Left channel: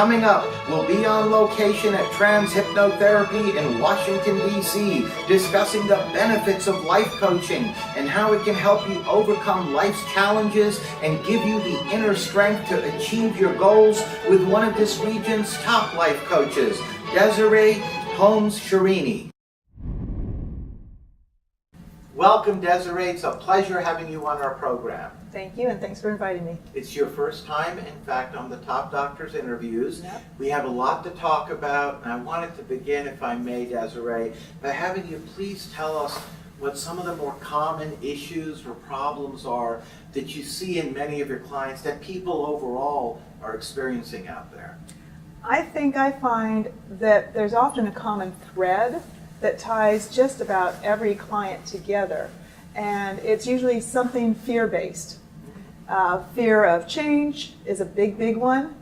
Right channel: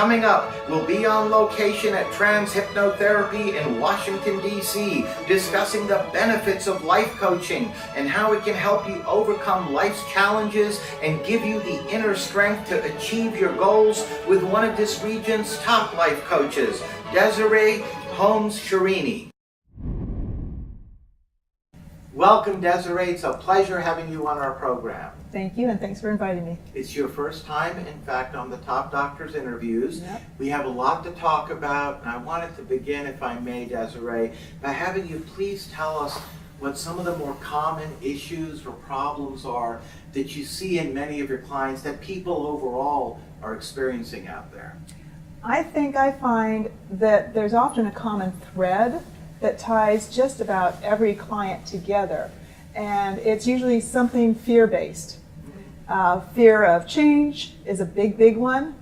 Coming up, we'll be on location at Trans-Hypnotherapy in Washington, D.C., discussing the benefits of life coaching and how it can help you overcome life's challenges and give you the inner strength to achieve your goals with one of this region's top life coaches, Desiree Holmes Scherini. Welcome, Desiree. It's a pleasure having you on our program. Thank you, and thanks for inviting me. It's your first time, in fact, on the Top Doctors interviews. We have a lot to talk about, and I wanted to begin, if I may, Desiree, by having you please tell us what some of the more common issues or problems are that you see in many of your clients that people overall are experiencing out there. I think I find that there's often a common thread that ties just about every client together, and it's usually something fear-based. Fear of change is a big one,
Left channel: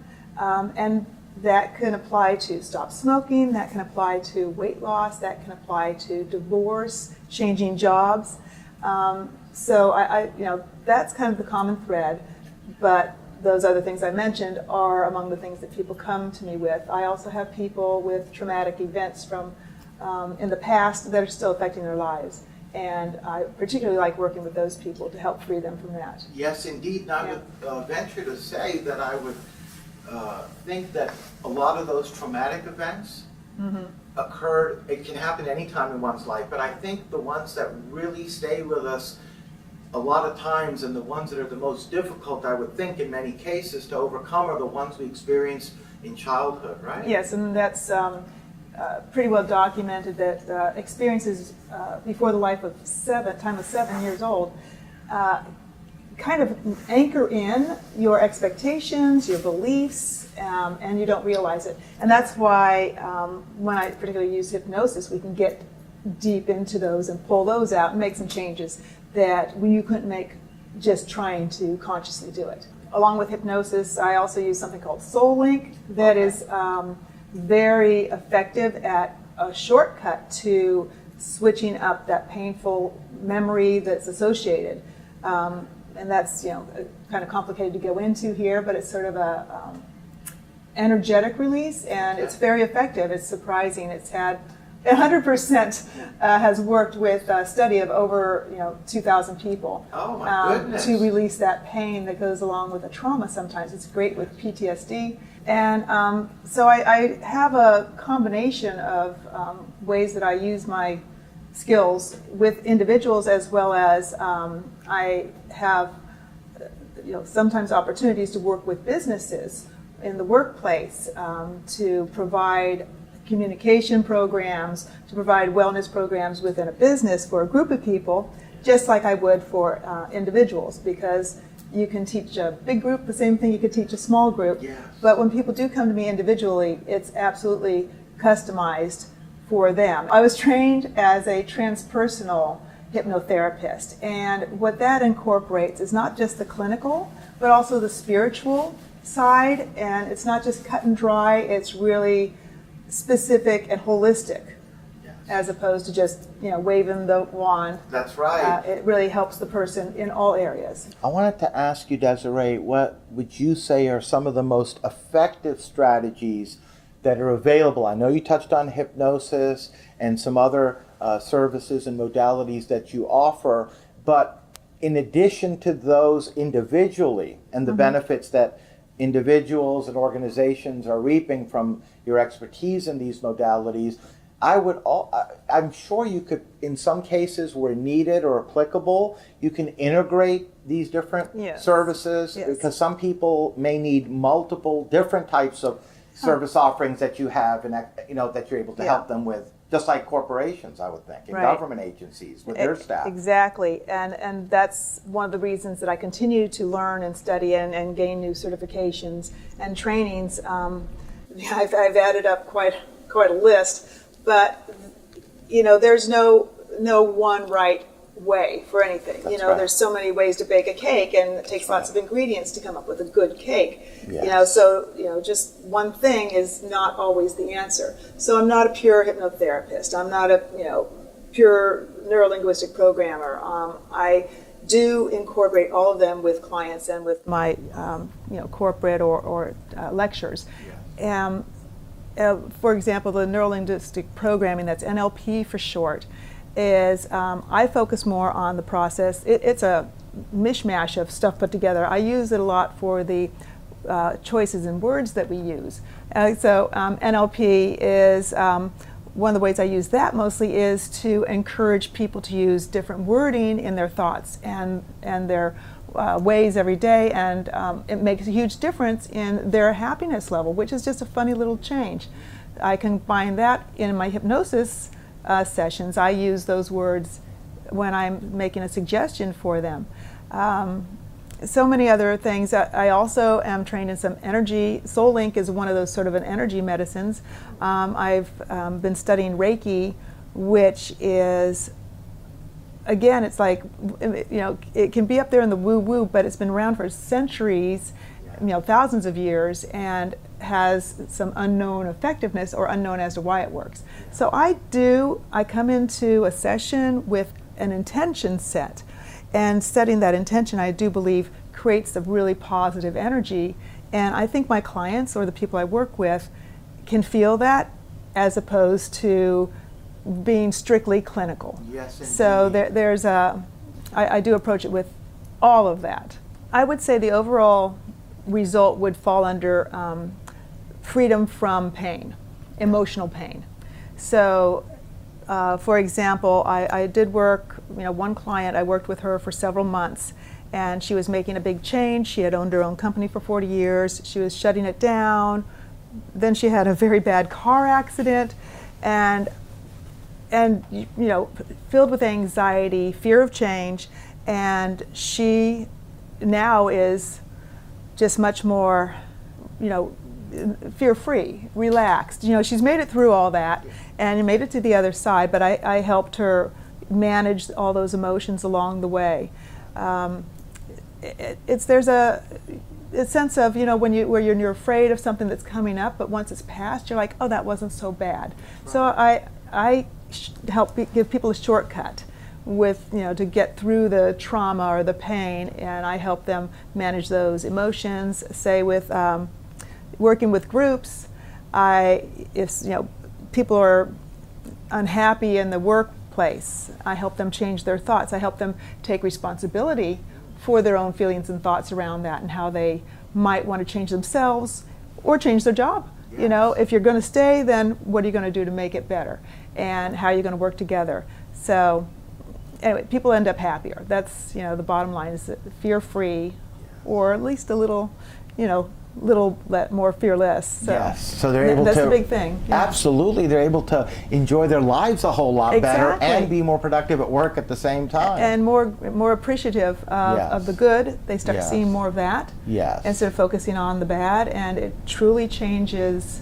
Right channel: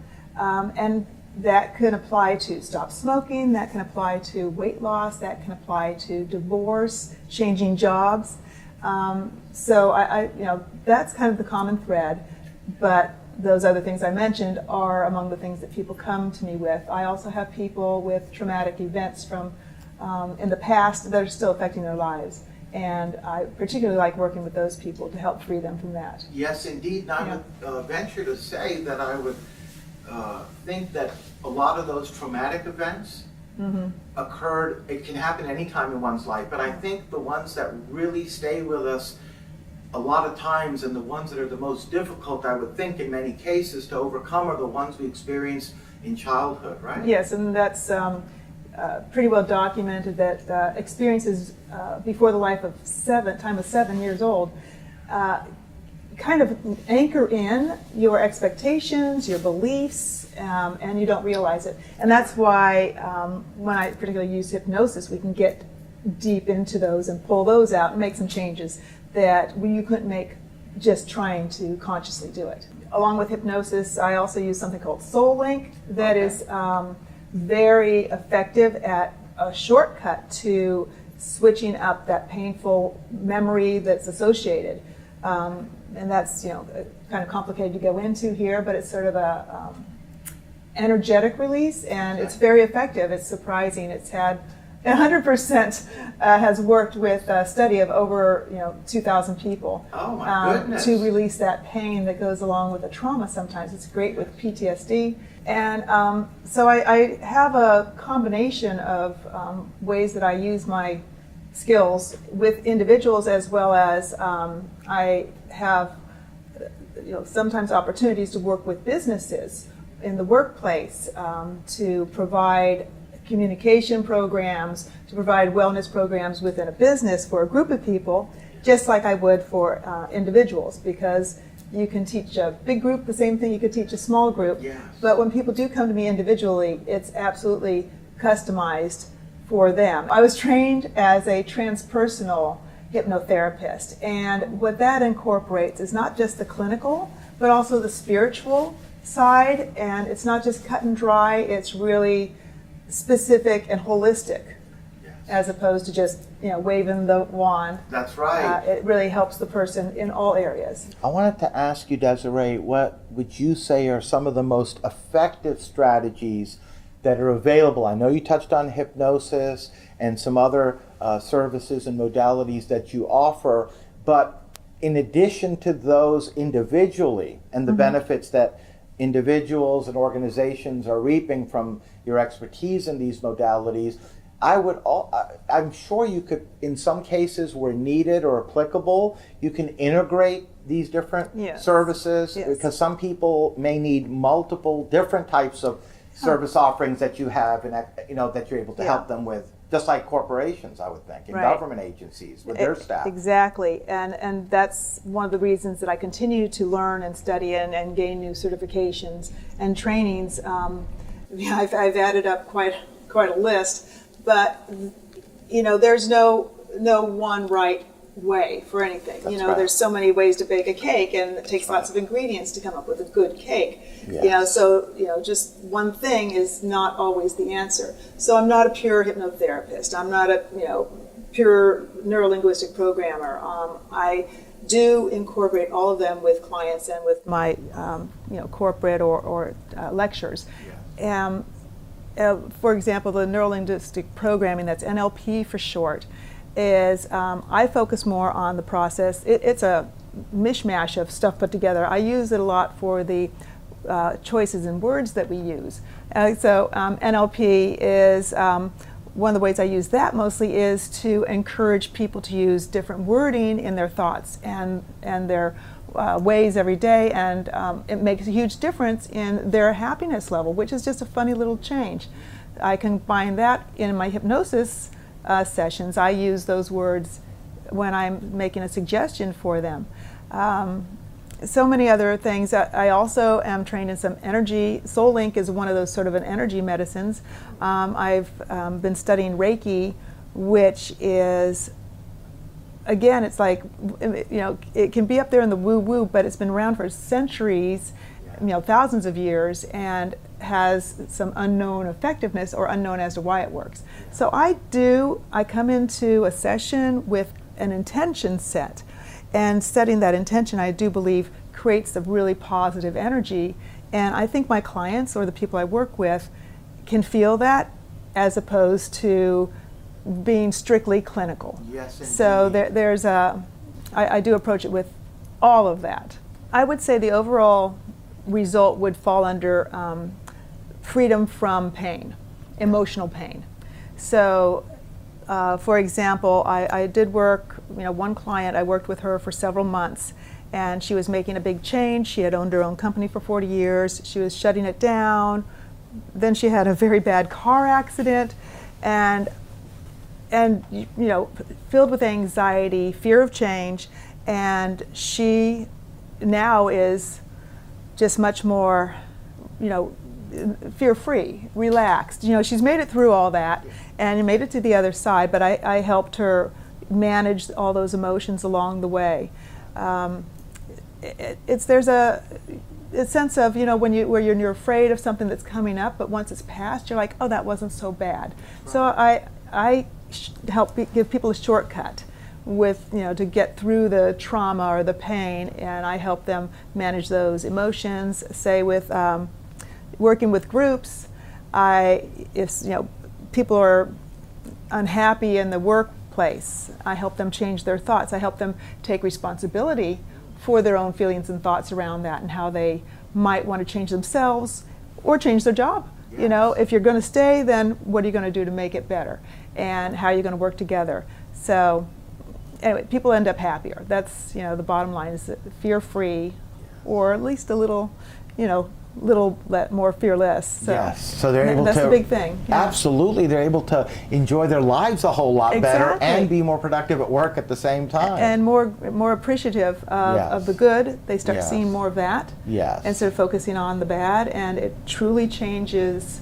and that can apply to stop smoking, that can apply to weight loss, that can apply to divorce, changing jobs. So that's kind of the common thread, but those other things I mentioned are among the things that people come to me with. I also have people with traumatic events from in the past that are still affecting their lives. And I particularly like working with those people to help free them from that. Yes, indeed. And I would venture to say that I would think that a lot of those traumatic events occurred, it can happen any time in one's life, but I think the ones that really stay with us a lot of times and the ones that are the most difficult, I would think in many cases, to overcome are the ones we experience in childhood, right? Yes, and that's pretty well documented that experiences before the time of 7 years old kind of anchor in your expectations, your beliefs, and you don't realize it. And that's why when I particularly use hypnosis, we can get deep into those and pull those out and make some changes that you couldn't make just trying to consciously do it. Along with hypnosis, I also use something called Soul Link that is very effective at a shortcut to switching up that painful memory that's associated. And that's kind of complicated to go into here, but it's sort of a energetic release, and it's very effective. It's surprising. It's had 100% has worked with a study of over 2,000 people. Oh my goodness! To release that pain that goes along with the trauma. Sometimes it's great with PTSD, and so I have a combination of ways that I use my skills with individuals, as well as I have sometimes opportunities to work with businesses in the workplace to provide communication programs, to provide wellness programs within a business for a group of people, just like I would for individuals, because you can teach a big group the same thing you could teach a small group. Yes. But when people do come to me individually, it's absolutely customized for them. I was trained as a transpersonal hypnotherapist, and what that incorporates is not just the clinical, but also the spiritual side, and it's not just cut and dry, it's really specific and holistic, as opposed to just waving the wand. That's right. It really helps the person in all areas. I wanted to ask you, Desiree, what would you say are some of the most effective strategies that are available? I know you touched on hypnosis and some other services and modalities that you offer, but in addition to those individually and the benefits that individuals and organizations are reaping from your expertise in these modalities, I'm sure you could, in some cases where needed or applicable, you can integrate these different services, because some people may need multiple different types of service offerings that you have, and that you're able to help them with, just like corporations, I would think, and government agencies with their staff. Exactly, and that's one of the reasons that I continue to learn and study and gain new certifications and trainings. I've added up quite a list, but there's no one right way for anything. That's right. There's so many ways to bake a cake, and it takes lots of ingredients to come up with a good cake. Yes. So just one thing is not always the answer. So I'm not a pure hypnotherapist. I'm not a pure neurolinguistic programmer. I do incorporate all of them with clients and with Yes, so they're able That's to, a big thing. absolutely, they're able to enjoy their lives a whole lot better Exactly. and be more productive at work at the same time. And more appreciative Yes. of the good. They start Yes. seeing more of that Yes. instead of focusing on the bad, and it truly changes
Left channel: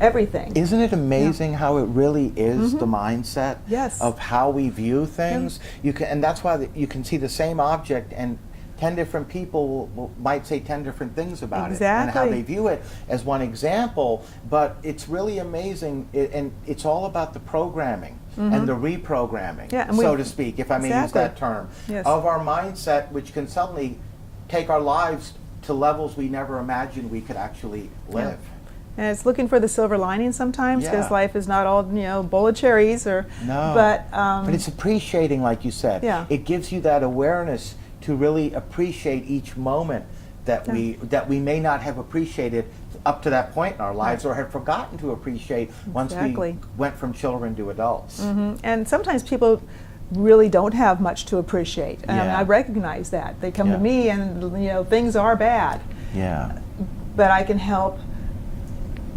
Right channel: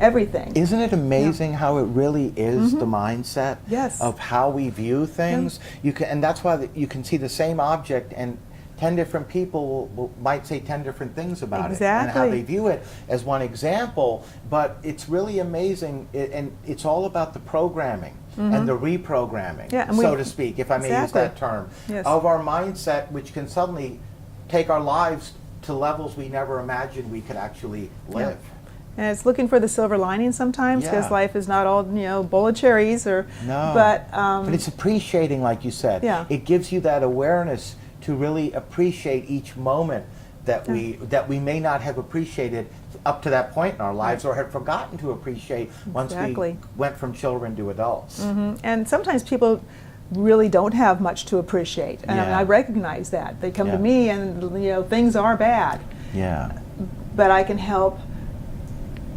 everything. Isn't it amazing how it really is the mindset Yes. of how we view things? You can, and that's why you can see the same object and 10 different people might say 10 different things about it and how they view it as one example, but it's really amazing, and it's all about the programming and the reprogramming, so to speak, if I may use that term, of our mindset, which can suddenly take our lives to levels we never imagined we could actually live. And it's looking for the silver lining sometimes. Yeah. Because life is not all, bowl of cherries or. No, But, but it's appreciating, like you said. Yeah. It gives you that awareness to really appreciate each moment that we may not have appreciated up to that point in our lives, or had forgotten to appreciate once we went from children to adults. And sometimes people really don't have much to appreciate. And Yeah. I recognize that. They come Yeah. to me and, things are bad, Yeah, but I can help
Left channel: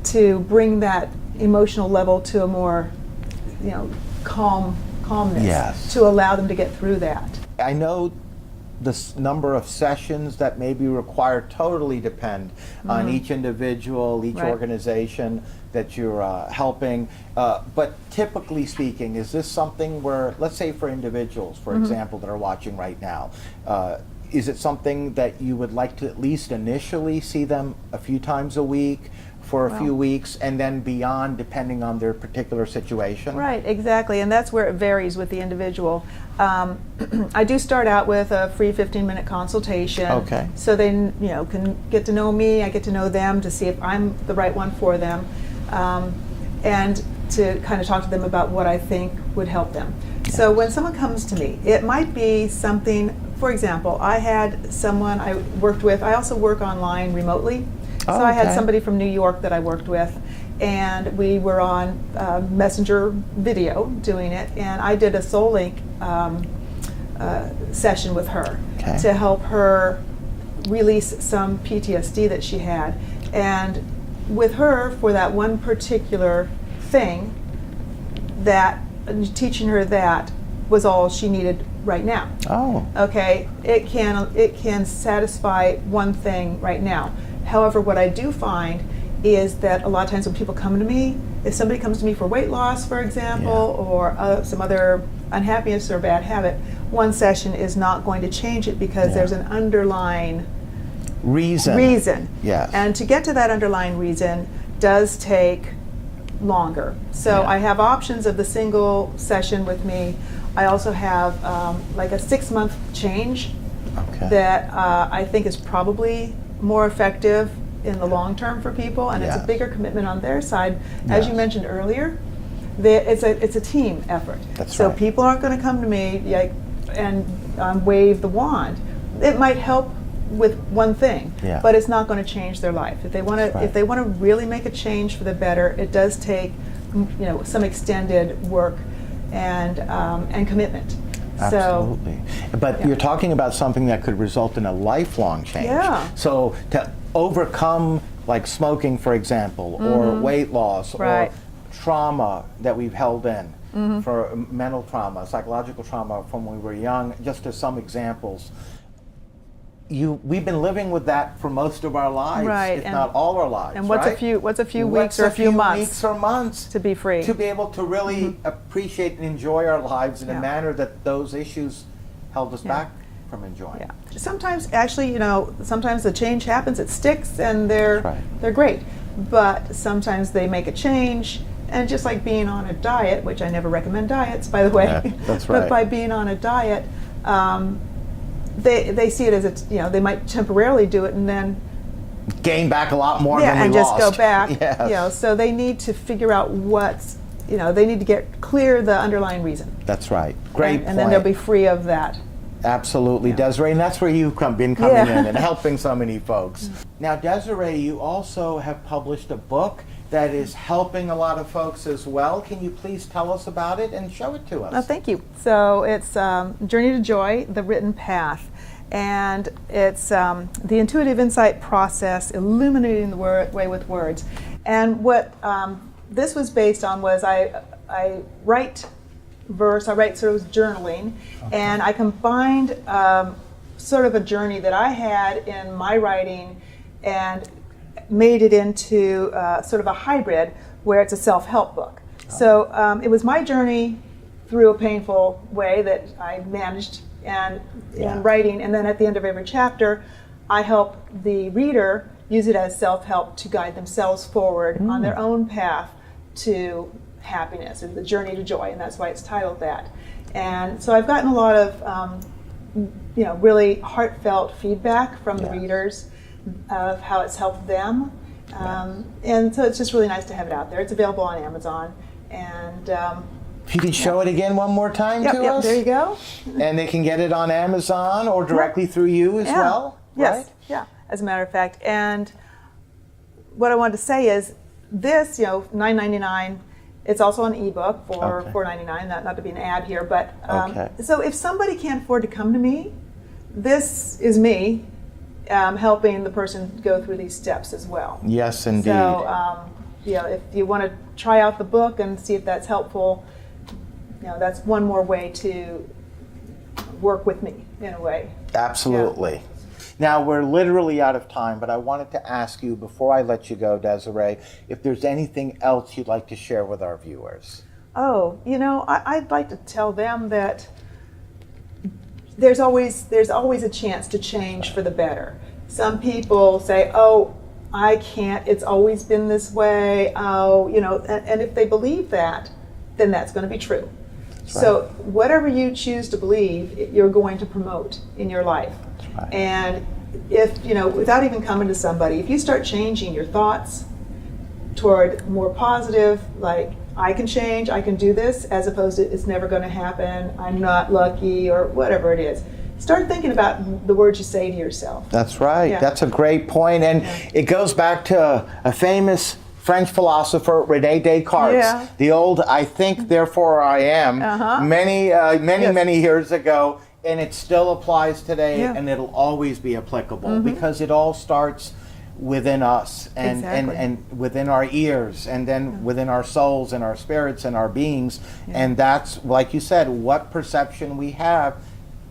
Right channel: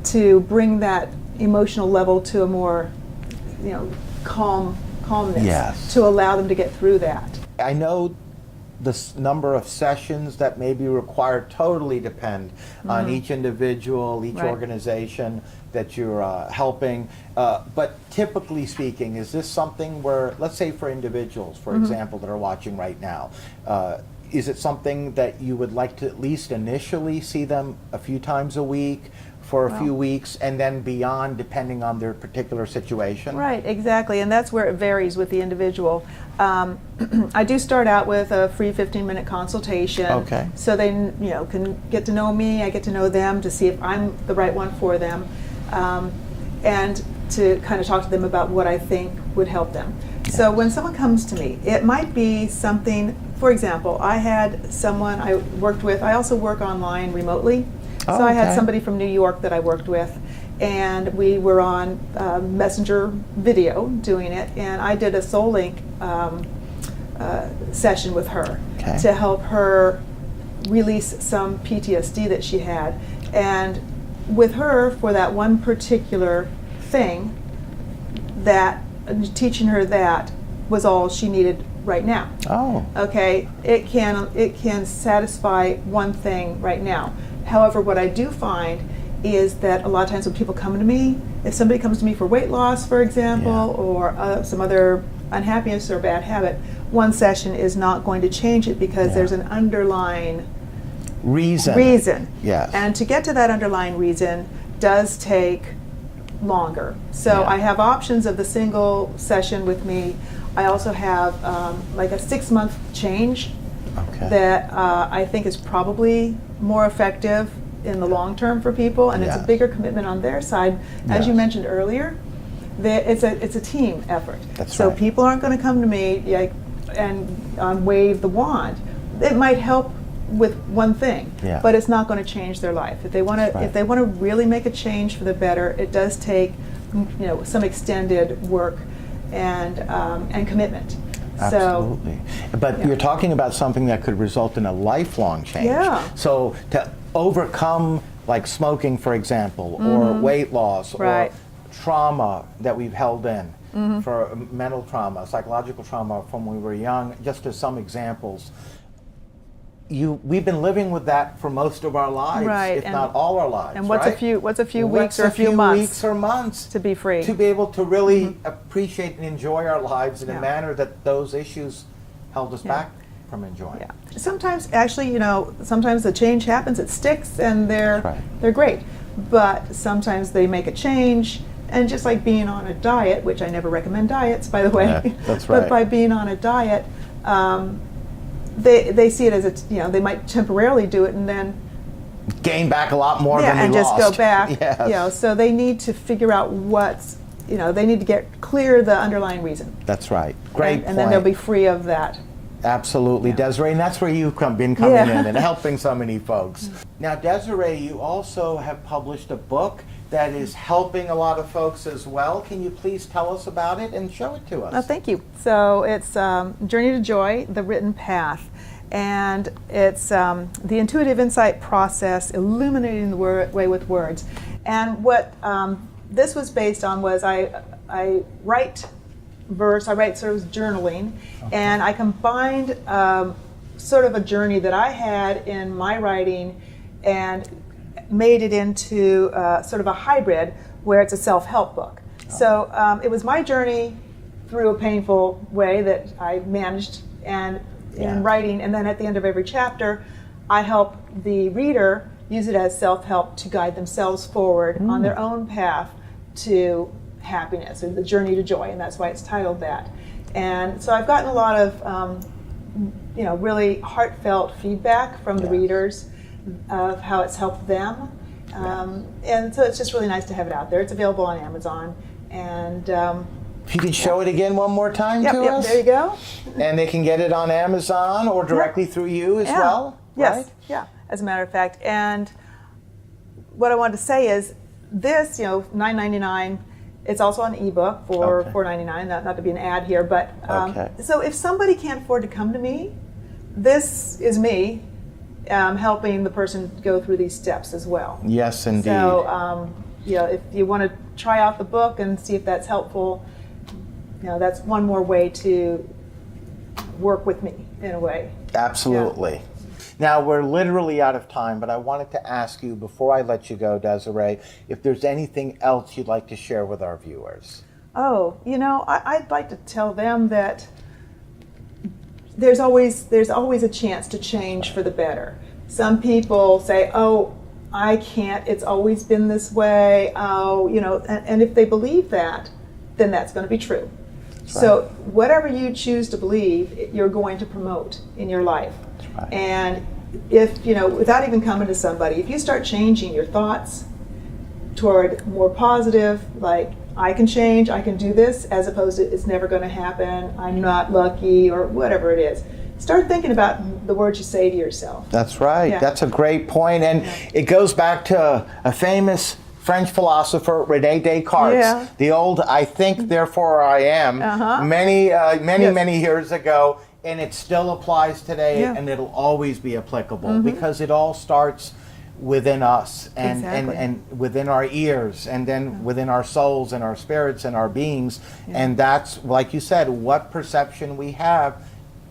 to bring that emotional level to a more, calmness. Yes. To allow them to get through that. I know the number of sessions that may be required totally depend on each individual, each organization that you're helping. But typically speaking, is this something where, let's say for individuals, for example, that are watching right now, is it something that you would like to at least initially see them a few times a week for a few weeks, and then beyond, depending on their particular situation? Right, exactly, and that's where it varies with the individual. I do start out with a free 15-minute consultation. Okay. So they, can get to know me, I get to know them to see if I'm the right one for them, and to kind of talk to them about what I think would help them. So when someone comes to me, it might be something, for example, I had someone I worked with, I also work online remotely. Oh, So I okay. had somebody from New York that I worked with, and we were on Messenger video doing it, and I did a Soul Link session with her Okay. to help her release some PTSD that she had. And with her, for that one particular thing, that teaching her that was all she needed right now. Oh, Okay, it can satisfy one thing right now. However, what I do find is that a lot of times when people come to me, if somebody comes to me for weight loss, for example, or some other unhappiness or bad habit, one session is not going to change it because Yeah. there's an underlying reason. Yes. And to get to that underlying reason does take longer. So Yeah. I have options of the single session with me. I also have like a 6-month change Okay. that I think is probably more effective in the long term for people, and it's Yes. a bigger commitment on their side. Yes. As you mentioned earlier, it's a team effort. That's so right. people aren't going to come to me and wave the wand. It might help with one thing, Yeah. but it's not going to change their life. If they want That's to, right. if they want to really make a change for the better, it does take, some extended work and commitment. Absolutely. But you're talking about something that could result in a lifelong change. Yeah. So to overcome, like smoking, for example, or weight loss, or trauma that we've held in, for mental trauma, psychological trauma from when we were young, just as some examples, we've been living with that for most of our lives, if not all our lives, right? What's a few weeks or months to be able to really appreciate and enjoy our lives in a manner that those issues held us back from enjoying? Sometimes, actually, sometimes the change happens, it sticks, and they're That's right. they're great. But sometimes they make a change, and just like being on a diet, which I never recommend diets, by the way. Yeah, that's right. But by being on a diet, they see it as they might temporarily do it, and then Gain back a lot more than we go lost. back. Yes. So they need to figure out what's they need to get clear the underlying reason. That's right. Great And then point. they'll be free of that. Absolutely, Desiree, and that's where you've been coming Yeah. in and helping so many folks. Now, Desiree, you also have published a book that is helping a lot of folks as well. Can you please tell us about it and show it to us? Thank you. So it's Journey to Joy, The Written Path. and it's the intuitive insight process, illuminating the way with words. And what this was based on was I write verse, I write sort of journaling, and I combined sort of a journey that I had in my writing and made it into sort of a hybrid where it's a self-help book. So it was my journey through a painful way that I managed and in writing, and then at the end of every chapter, I help the reader use it as self-help to guide themselves forward on their own path to happiness, or the journey to joy, and that's why it's titled that. And so I've gotten a lot of really heartfelt feedback from the readers of how it's helped them. And so it's just really nice to have it out there. It's available on Amazon. And if you can show it again one more time to us. There you go. And they can get it on Amazon or directly through you as well, right? Yeah, as a matter of fact. And what I wanted to say is this, $9.99. It's also an ebook for $4.99. Not to be an ad here, but so if somebody can't afford to come to me, this is me helping the person go through these steps as well. Yes, indeed. So if you want to try out the book and see if that's helpful, that's one more way to work with me in a way. Absolutely. Now, we're literally out of time, but I wanted to ask you, before I let you go, Desiree, if there's anything else you'd like to share with our viewers. Oh, I'd like to tell them that there's always a chance to change for the better. Some people say, oh, I can't, it's always been this way, and if they believe that, then that's going to be true. That's right. So whatever you choose to believe, you're going to promote in your life. That's right. And if, without even coming to somebody, if you start changing your thoughts toward more positive, like, I can change, I can do this, as opposed to it's never going to happen, I'm not lucky, or whatever it is. Start thinking about the words you say to yourself. That's right. Yeah. That's a great point. And it goes back to a famous French philosopher, René Descartes, the old "I think, therefore I am," many years ago, and it still applies today, and it'll always be applicable because it all starts within us and within our ears, and then within our souls and our spirits and our beings. And that's, like you said, what perception we have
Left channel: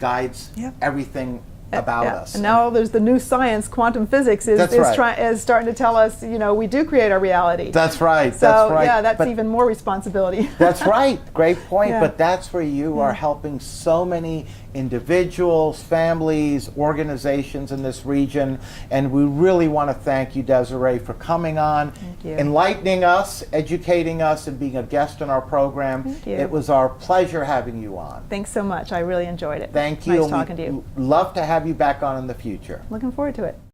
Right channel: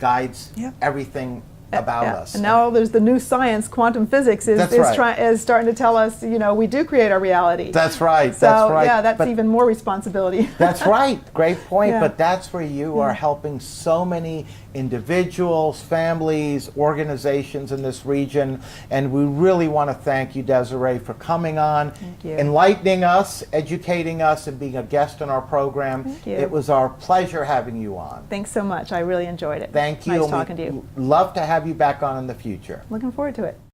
guides everything about us. Well, there's the new science, quantum physics, That's right. is starting to tell us, we do create our reality. That's right. That's right. Yeah, that's but even more responsibility. that's right. Great point. But that's where you are helping so many individuals, families, organizations in this region. And we really want to thank you, Desiree, for coming on, enlightening us, educating us, and being a guest on our program. It was our pleasure having you on. Thanks so much. I really enjoyed it. Thank you, and we'd love to have you back on in the future.